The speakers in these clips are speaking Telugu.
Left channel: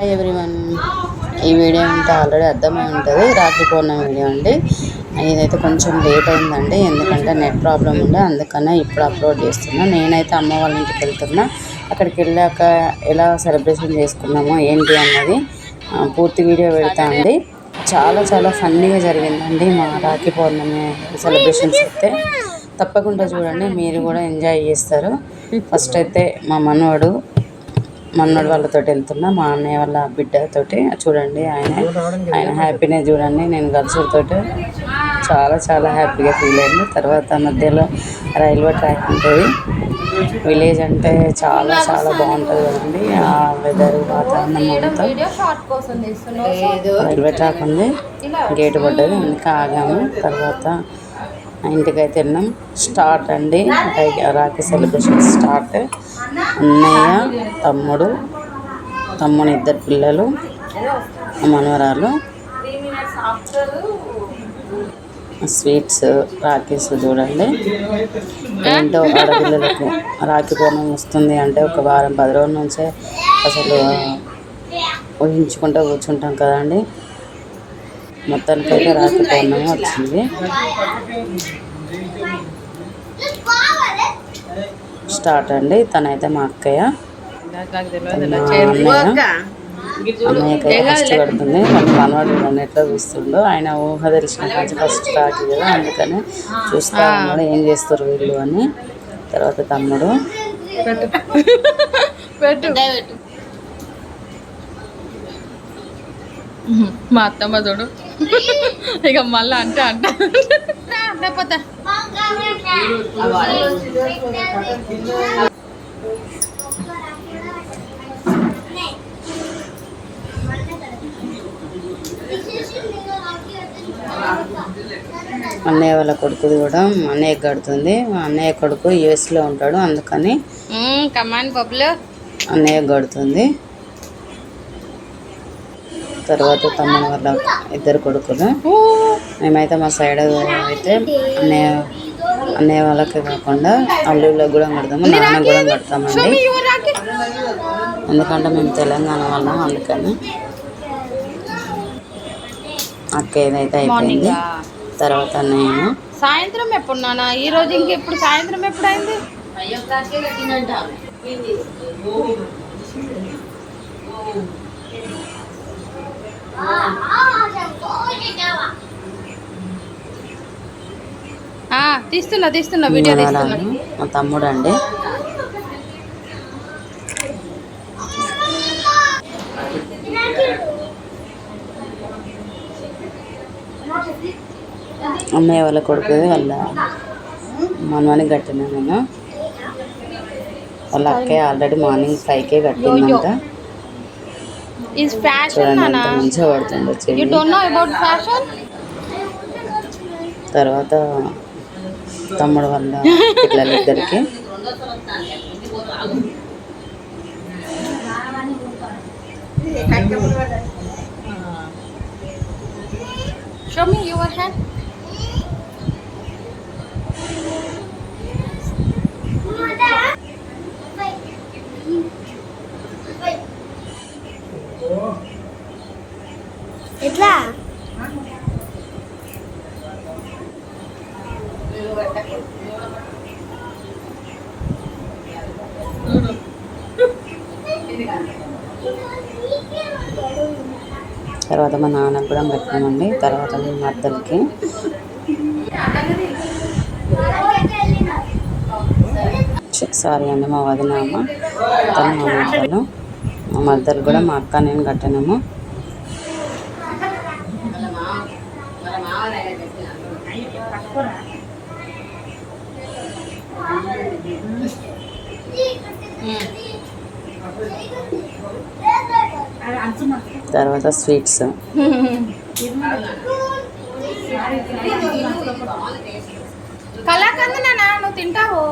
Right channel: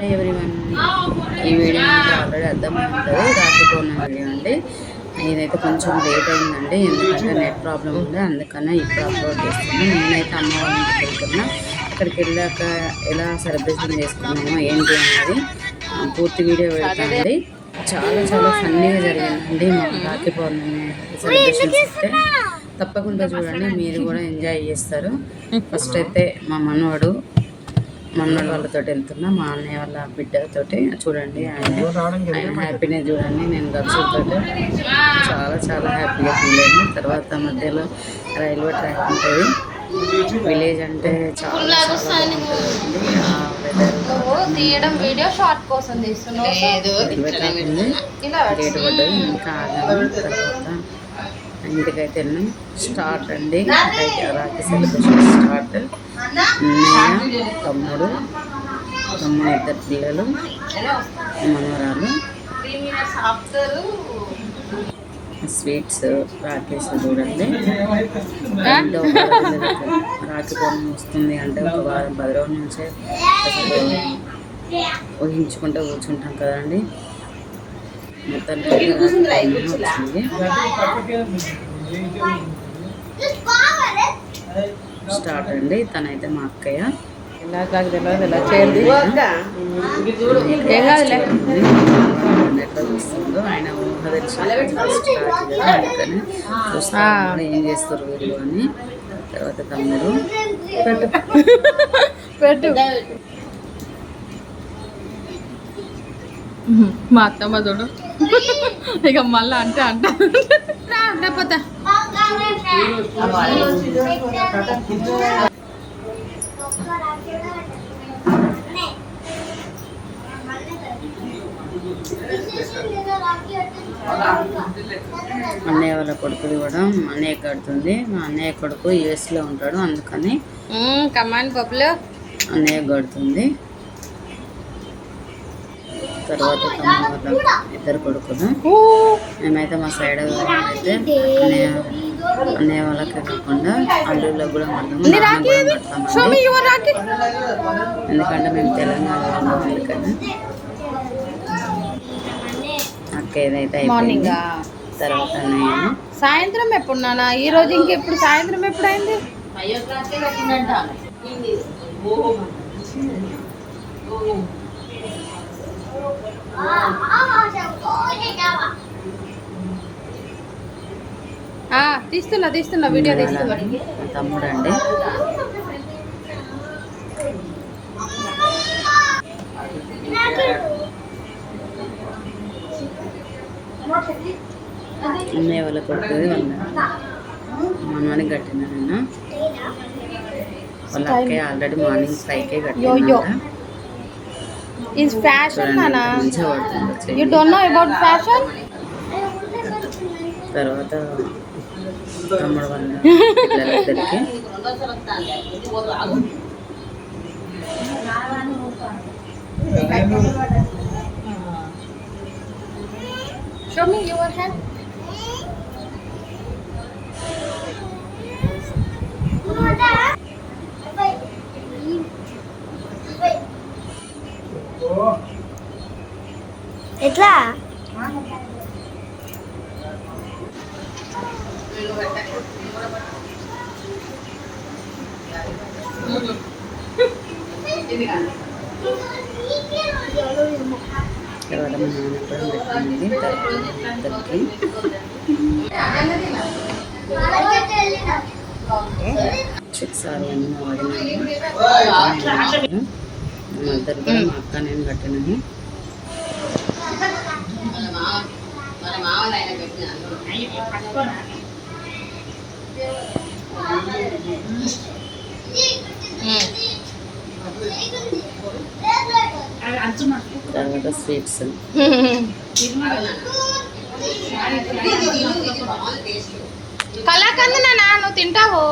హాయ్ ఎవ్రీవన్, ఈ వీడియో అంతా ఆల్రెడీ అర్థమై ఉంటుంది. రాఖీ పౌర్ణమి వీడియో అండి. ఇదైతే కొంచెం లేట్ అయిందండి, ఎందుకంటే నెట్ ప్రాబ్లం ఉండే, అందుకనే ఇప్పుడు అప్లోడ్ చేస్తున్నా. నేనైతే అమ్మ వాళ్ళ ఇంటికి వెళ్తున్నా. అక్కడికి వెళ్ళాక ఎలా సెలబ్రేషన్ చేసుకున్నామో ఏంటి అన్నది పూర్తి వీడియో పెడతా అండి. చాలా చాలా ఫన్నీగా జరిగిందండి మా రాఖీ పౌర్ణమి సెలబ్రేషన్స్ అయితే. తప్పకుండా చూడండి, మీరు కూడా ఎంజాయ్ చేస్తారు. ఫస్ట్ అయితే మా మనవడు వాళ్ళతో వెళ్తున్నా, మా అన్నయ్య వాళ్ళ బిడ్డతోటి. చూడండి ఆయన హ్యాపీనెస్ చూడండి. నేను గర్ల్స్తో చాలా చాలా హ్యాపీగా ఫీల్ అయింది. తర్వాత మధ్యలో రైల్వే ట్రాక్ ఉంటుంది. విలేజ్ అంటే చాలా చాలా బాగుంటుంది కదండి. ఆ వెదర్ వాతావరణం రైల్వే ట్రాక్ ఉంది, గేటు పడ్డది, ఇంకా ఆగాము. తర్వాత ఇంటికైతే వెళ్ళాం. స్టార్ట్ అండి రాఖీ సెలబ్రేషన్ స్టార్ట్. అన్నయ్య, తమ్ముడు, ఇద్దరు పిల్లలు, మనవరాలు, స్వీట్స్, రాఖీస్. చూడండి ఏంటో ఆడపిల్లలకు రాఖీ పౌర్ణమి వస్తుంది అంటే ఒక వారం 10 రోజుల నుంచే అసలు ఊహించుకుంటూ కూర్చుంటాం కదండి. మొత్తానికైతే రాఖీ పౌర్ణమి వచ్చింది. స్టార్ట్ అండి. తనైతే మా అక్కయ్య, కష్టపడుతుంది. మాకు మనవాడు ఎట్లా చూస్తుండో, ఆయన ఊహ తెలిసిన ఫస్ట్ రాఖీ కదా, అందుకని చూస్తా ఉన్నాడు ఏం చేస్తారు వీళ్ళు అని. తర్వాత తమ్ముడు మా అత్తమ్మ చూడు ఇక మళ్ళీ అంటే పోతా. అన్నయ్య వాళ్ళ కొడుకుది కూడా అన్నయ్య కడుతుంది. అన్నయ్య కొడుకు యుఎస్లో ఉంటాడు, అందుకని కమాన్ పప్పులు అన్నయ్య కడుతుంది. తర్వాత తమ్ముడు వాళ్ళ ఇద్దరు కొడుకులు. మేమైతే మా సైడ్ అయితే అన్నయ్య వాళ్ళకి కాకుండా అల్లుళ్ళకి కూడా కడతాము, నాన్న కూడా కడతామండి. ఎందుకంటే మేము తెలంగాణ వాళ్ళం, అందుకని. అక్క ఏదైతే అయిపోయింది. తర్వాత అన్నయ్య సాయంత్రం ఎప్పుడు నాన్న, ఈ రోజు ఇంకెప్పుడు సాయంత్రం ఎప్పుడైంది? తీస్తున్నా వీడియో తీస్తున్నా. మా తమ్ముడు అండి. అన్నయ్య వాళ్ళ కొడుకు వాళ్ళ మనవానికి కట్టిన నేను. వాళ్ళ అక్కయ్య ఆల్రెడీ మార్నింగ్ 5కే కట్టిందంట. మంచిగా పడుతుంది. తర్వాత తమ్ముడు వాళ్ళ పిల్లలిద్దరికి Show me your hand. ఎట్లా తర్వాత మా నాన్నకు కూడా పెట్టానండి. తర్వాత మా అత్తలకి, సారీ అండి మా వదిన అమ్మ, మా మద్దరు కూడా మా అక్క నేను కట్టానేమో. తర్వాత స్వీట్స్. కళాకందనా నువ్వు తింటావు?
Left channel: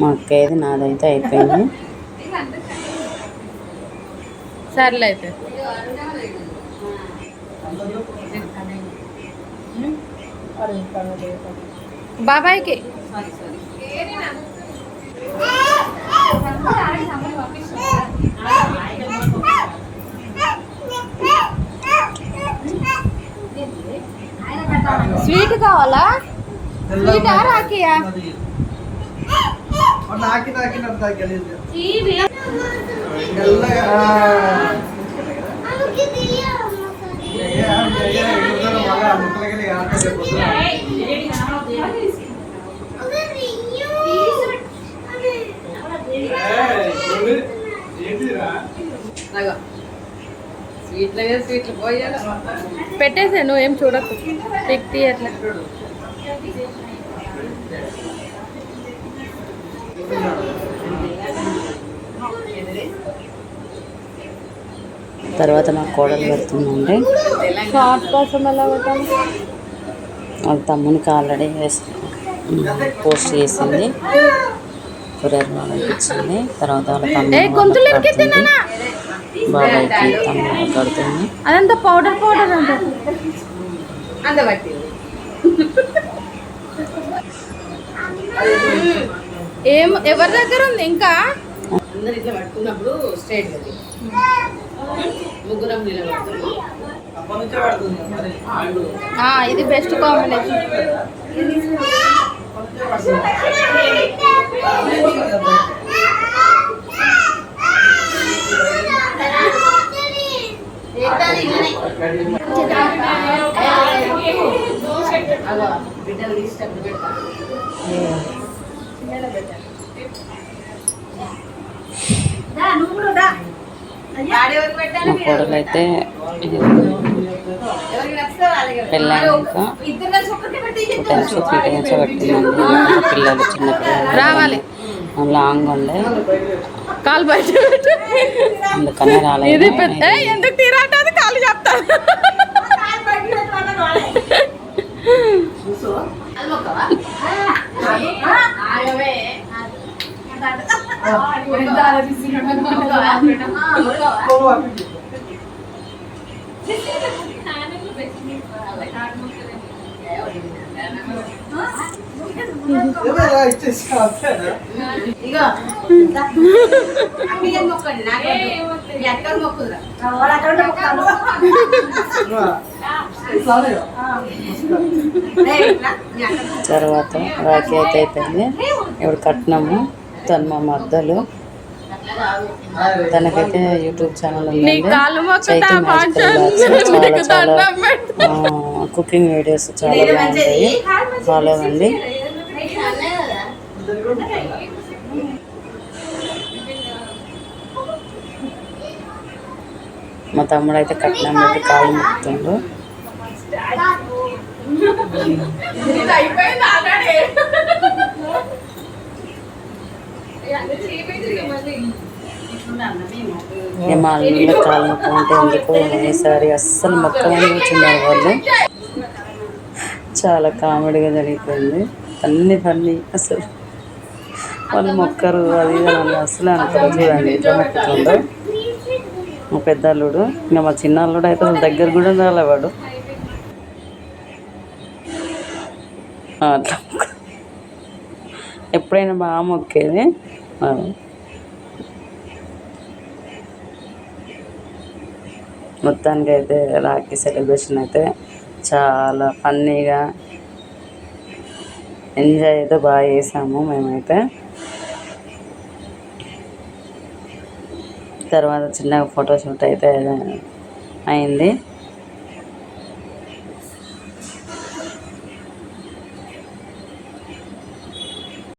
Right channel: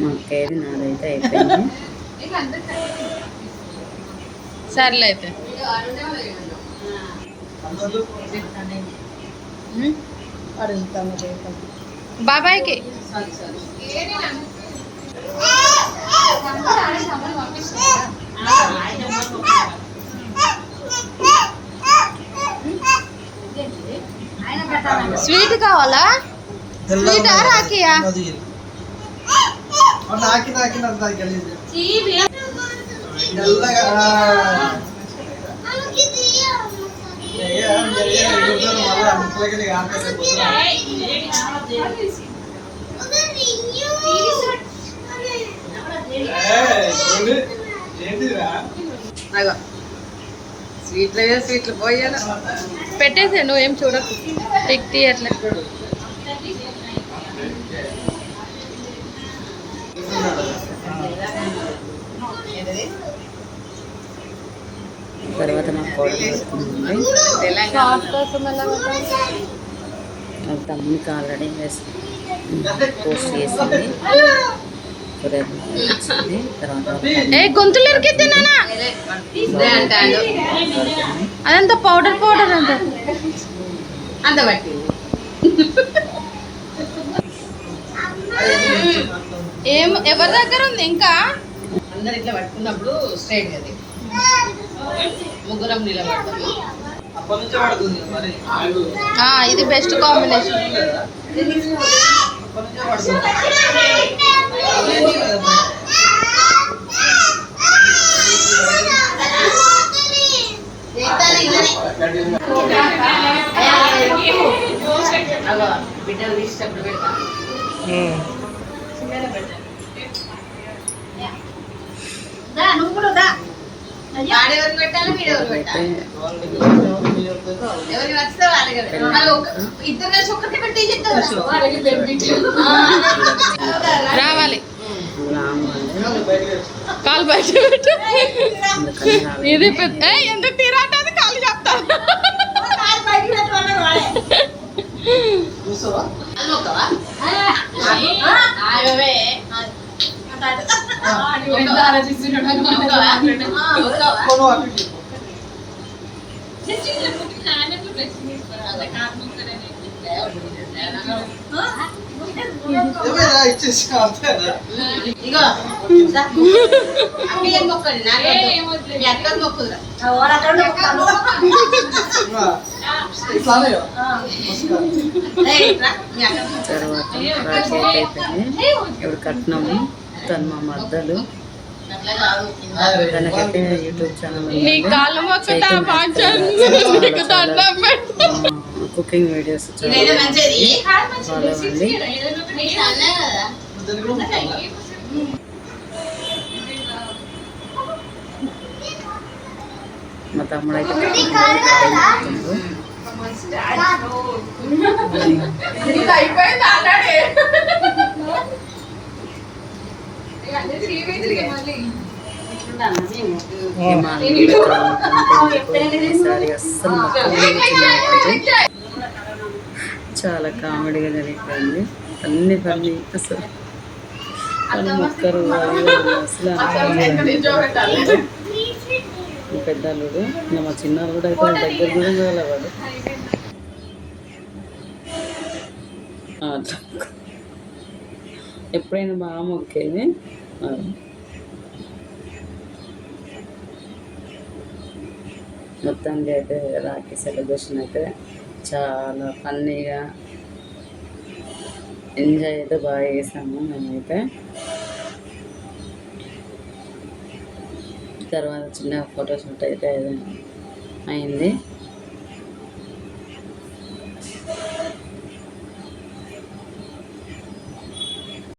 మా అక్కది నాదైతే అయిపోయింది. సర్లే అయితే బాబాయ్కి స్వీట్ కావాలా? స్వీటా రాఖీయా? స్వీట్లు పోయాలి. పెట్టేసా, నువ్వేం చూడకు. టిక్ తీయట్లే. తర్వాత మా కోడలు పెడుతుందండి. కోసం ఎలా పెట్టాలి? వాళ్ళ తమ్మునికి ఆల్రెడీ పోస్ట్ చేసింది, కొరియర్ బాగా ఇచ్చింది. తర్వాత గొంతులు ఇరికిద్దానా కడుతుంది. అదంతా పౌడర్ అంతా ఎవరి దగ్గర ఉంది ఇంకా? అందరు ఇట్లా పట్టుకున్నప్పుడు స్ట్రైట్ అది ముగ్గురం నిలబడతాము. ఇది బెస్ట్ కాంబినేషన్. బిడ్డలు తీసేటప్పుడు పెడతా. అయితే రావాలి. లాంగ్ ఉండే కాలు బయట అందుకనే రాలేదు. ఎందుకు తీరాటది? కాలు చెప్తాను. తర్వాత రాఖీ అయితే అయిపోయింది. ఇప్పుడు కట్టినాము. తను మా మద్దలు. తనకైతే యూట్యూబ్ ఛానల్ ఉందండి, చాలా కుకింగ్ వీడియోస్ చాలా బాగుంటాయి, ఫాలో అవ్వండి. మా తమ్ముడు అయితే కట్నం పెట్టి కాలు మొక్కుతుండు. మా అల్లుళ్ళు కాలు మొక్కుకుంటే ఎందుకు ఈసారి అస్సలు మొక్కమని కూర్చున్నారు వాళ్ళు. చాలా కామెడీగా జరిగిపోయింది. అన్ని ఫన్నీ. అసలు వాళ్ళు మొక్కరు అది నన్ను అసలు అనుకోరు. చూడండి ఎట్లా మొక్కుతుండో మా పెద్ద అల్లుడు. ఇంకా మా చిన్న అల్లుడు అయితే దగ్గర కూడా రాలేవాడు. అట్లా ఎప్పుడైనా బాగా మొక్కేది. మొత్తానికి అయితే రాఖీ సెలబ్రేషన్ అయితే చాలా ఫన్నీగా ఎంజాయ్ అయితే బాగా చేసాము మేమైతే. తర్వాత చిన్నగా ఫోటోషూట్ అయితే అయింది.